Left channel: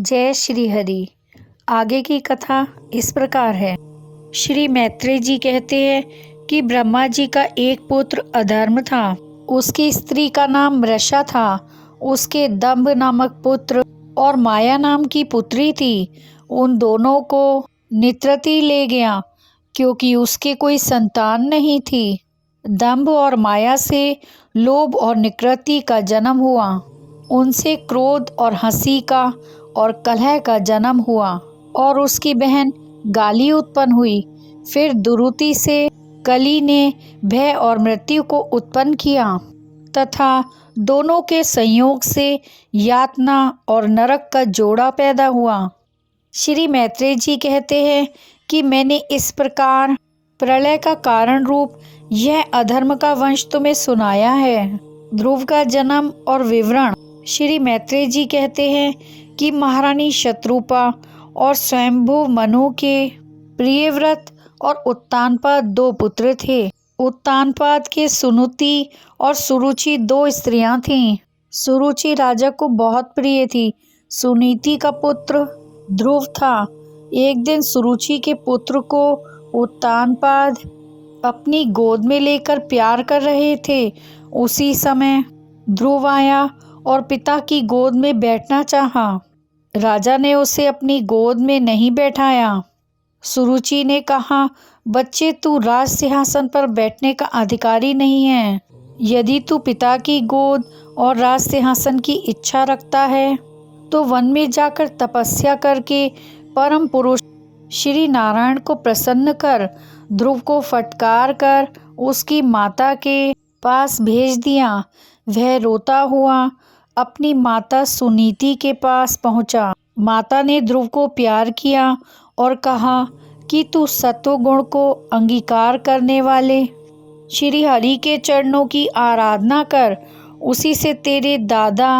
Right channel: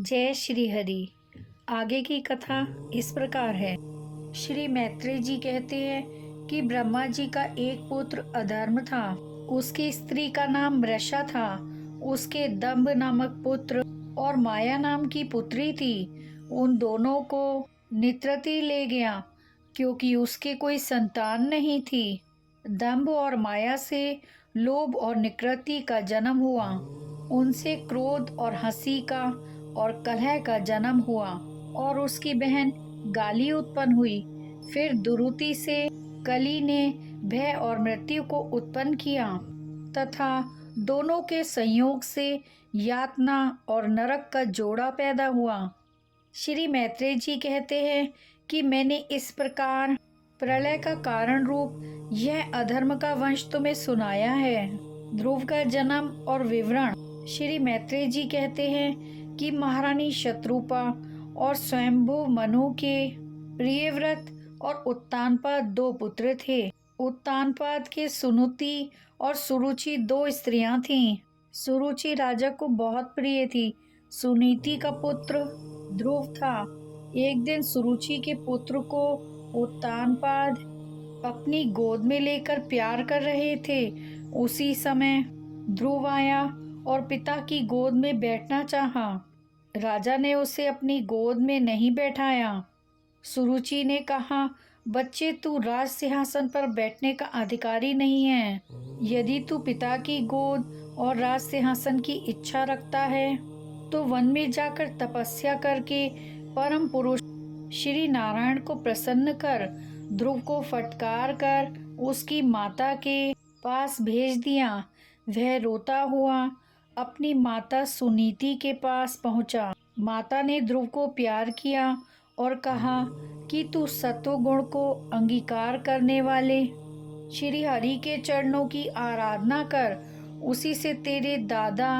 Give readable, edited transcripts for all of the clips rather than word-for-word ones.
जय श्री हरि। आगे की कथा इस प्रकार है। श्री मैत्रेय जी कहते हैं कि ब्रह्मा जी का एक पुत्र अधर्म था। उसकी स्त्री का नाम मृषा था। उसके दंभ नामक पुत्र और माया नाम की पुत्री थी। उन दोनों को नित्रति ले गया क्योंकि उसके कोई संतान नहीं थी। दंभ और माया से लोभ और निकृति का जन्म हुआ। उनसे क्रोध और हंसी का और कलह का जन्म हुआ और उसकी बहन गाली उत्पन्न हुई। फिर दुरुति से कली ने भय और मृत्यु को उत्पन्न किया तथा दोनों के संयोग से यातना और नरक का जोड़ा पैदा हुआ। श्री मैत्रेय जी कहते हैं कि मैंने इस प्रकार प्रलय का कारण रूप यह अधर्म का वंश तुम्हें सुनाया है। ध्रुव का जन्म और विवरण। श्री मैत्रेय जी कहते हैं कि महारानी शत्रुपा और स्वयंभू मनु के प्रियव्रत और उत्तानपाद दो पुत्र थे। उत्तानपाद के सुनुति और सुरुचि दो स्त्रियां थीं। सुरुचि राजा को बहुत प्रिय थी। सुनीति का पुत्र ध्रुव था। एक दिन सुरुचि के पुत्र को उत्तानपाद अपनी गोद में लेकर प्यार कर रहे थे। उसी समय ध्रुव आया और पिता की गोद में बैठना चाहा। राजा ने उसे अपनी गोद में नहीं बैठाया। सुरुचि ने कहा, बच्चे, तू राज सिंहासन पर बैठने का अधिकारी नहीं है। यदि तू पिता की गोद और राज सिंहासन की इच्छा रखता है तो वन में जाकर तपस्या करके परम पुरुष श्री नारायण को प्रसन्न कर। ध्रुव को फटकार कर उसकी माता के पास भेज दिया। वह रोता हुआ अपनी माता सुनीति के पास पहुंचा। माता ने ध्रुव को प्यार किया और कहा कि तू सत्वगुण को अंगीकार करने वाले श्री हरि के चरणों की आराधना कर। उसी से तेरे दादा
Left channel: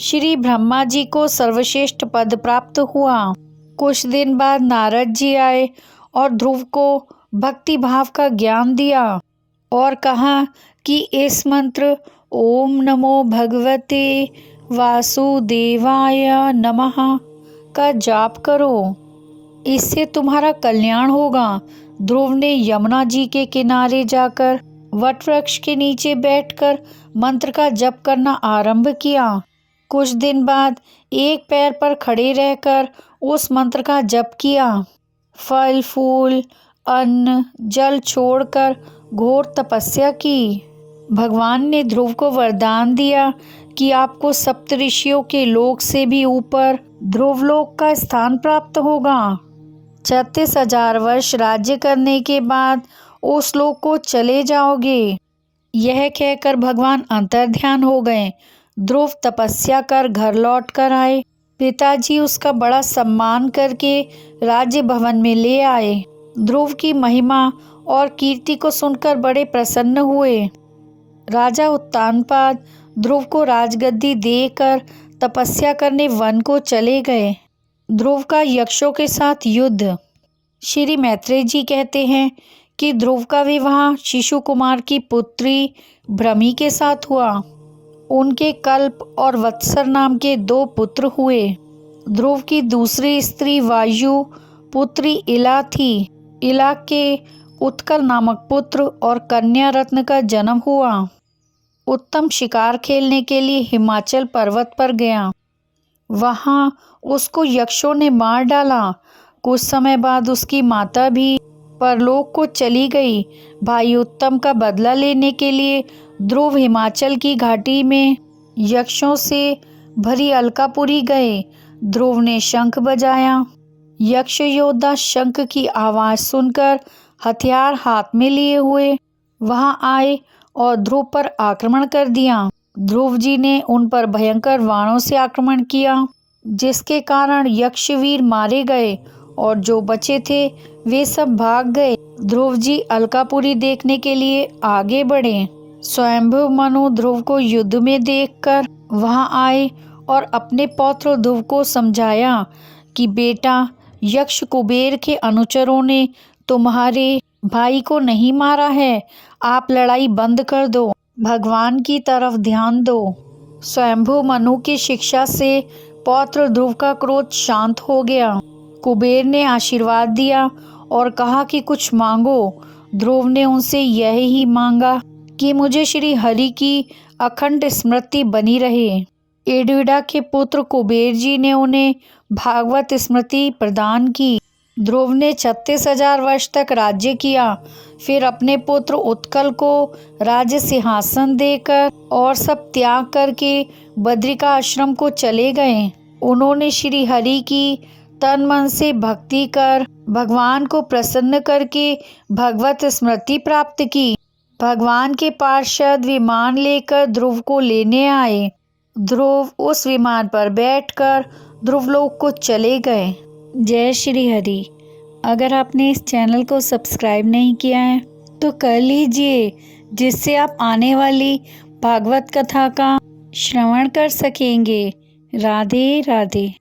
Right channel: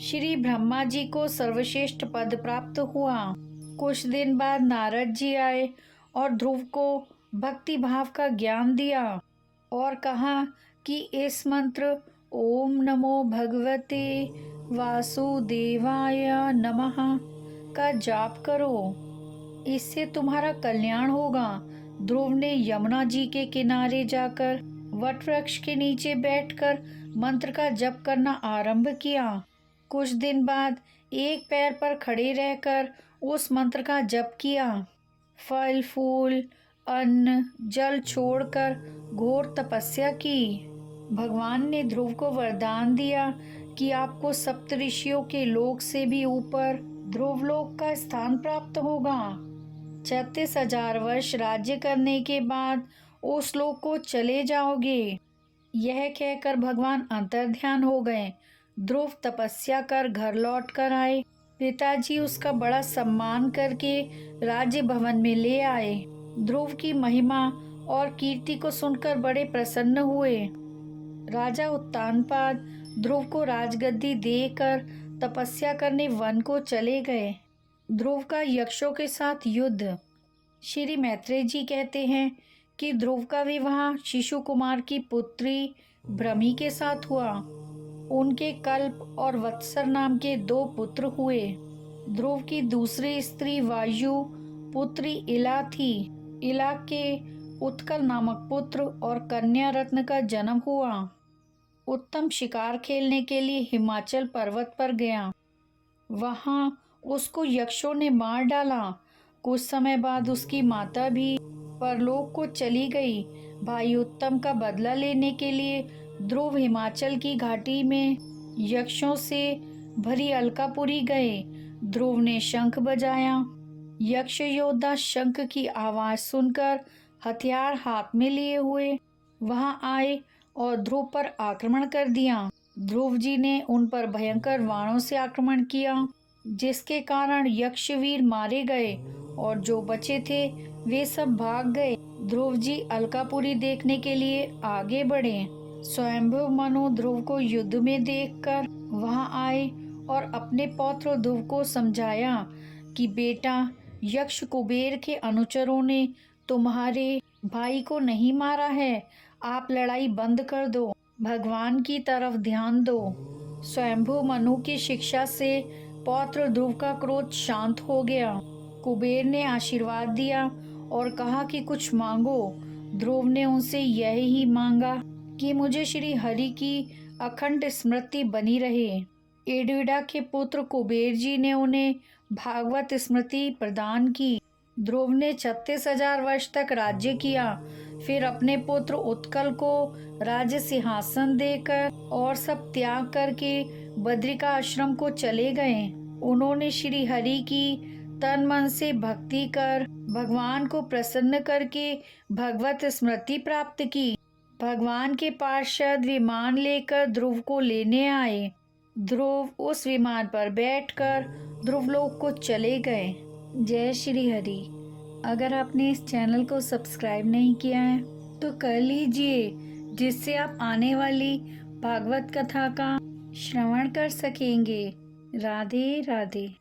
श्री ब्रह्मा जी को सर्वश्रेष्ठ पद प्राप्त हुआ। कुछ दिन बाद नारद जी आए और ध्रुव को भक्ति भाव का ज्ञान दिया और कहा कि इस मंत्र ओम नमो भगवते वासुदेवाय नमः का जाप करो, इससे तुम्हारा कल्याण होगा। ध्रुव ने यमुना जी के किनारे जाकर वट वृक्ष के नीचे बैठकर मंत्र का जप करना आरंभ किया। कुछ दिन बाद एक पैर पर खड़े रहकर उस मंत्र का जप किया। फल फूल अन्न जल छोड़कर घोर तपस्या की। भगवान ने ध्रुव को वरदान दिया कि आपको सप्तऋषियों के लोक से भी ऊपर ध्रुवलोक का स्थान प्राप्त होगा। 36,000 वर्ष राज्य करने के बाद उस लोक को चले जाओगे। यह कहकर भगवान अंतर्ध्यान हो गए। ध्रुव तपस्या कर घर लौट कर आए। पिताजी उसका बड़ा सम्मान करके राज्य भवन में ले आए। ध्रुव की महिमा और कीर्ति को सुनकर बड़े प्रसन्न हुए। राजा उत्तानपाद ध्रुव को राजगद्दी देकर तपस्या करने वन को चले गए। ध्रुव का यक्षों के साथ युद्ध। श्री मैत्रेय जी कहते हैं कि ध्रुव का विवाह शिशु कुमार की पुत्री भ्रमी के साथ हुआ। उनके कल्प और वत्सर नाम के 2 पुत्र हुए। ध्रुव की दूसरी स्त्री वायु पुत्री इला थी। इला के उत्कल नामक पुत्र और कन्या रत्न का जन्म हुआ। उत्तम शिकार खेलने के लिए हिमाचल पर्वत पर गया। वहां उसको यक्षों ने मार डाला। कुछ समय बाद उसकी माता भी परलोक को चली गई। भाई उत्तम का बदला लेने के लिए ध्रुव हिमाचल की घाटी में यक्षों से भरी अलकापुरी गए। ध्रुव ने शंख बजाया। यक्ष योद्धा शंख की आवाज सुनकर हथियार हाथ में लिए हुए वहां आए और ध्रुव पर आक्रमण कर दिया। ध्रुव जी ने उन पर भयंकर बाणों से आक्रमण किया, जिसके कारण यक्षवीर मारे गए और जो बचे थे वे सब भाग गए। ध्रुव जी अलकापुरी देखने के लिए आगे बढ़े। स्वयंभू मनु ध्रुव को युद्ध में देखकर वहां आए और अपने पौत्र ध्रुव को समझाया कि बेटा, यक्ष कुबेर के अनुचरों ने तुम्हारे भाई को नहीं मारा है। आप लड़ाई बंद कर दो, भगवान की तरफ ध्यान दो। स्वयंभू मनु की शिक्षा से पौत्र ध्रुव का क्रोध शांत हो गया। कुबेर ने आशीर्वाद दिया और कहा कि कुछ मांगो। ध्रुव ने उनसे यह ही मांगा कि मुझे श्री हरि की अखंड स्मृति बनी रहे। एडविडा के पुत्र कुबेर जी ने उन्हें भागवत स्मृति प्रदान की। ध्रुव ने 36,000 वर्ष तक राज्य किया। फिर अपने पुत्र उत्कल को राज्य सिंहासन देकर और सब त्याग करके बद्रिका आश्रम को चले गए। उन्होंने श्री हरि की तन मन से भक्ति कर भगवान को प्रसन्न करके भगवत स्मृति प्राप्त की। भगवान के पार्षद विमान लेकर ध्रुव को लेने आए। ध्रुव उस विमान पर बैठकर ध्रुवलोक को चले गए। जय श्री हरि। अगर आपने इस चैनल को सब्सक्राइब नहीं किया है तो कर लीजिए, जिससे आप आने वाली भागवत कथा का श्रवण कर सकेंगे। राधे राधे।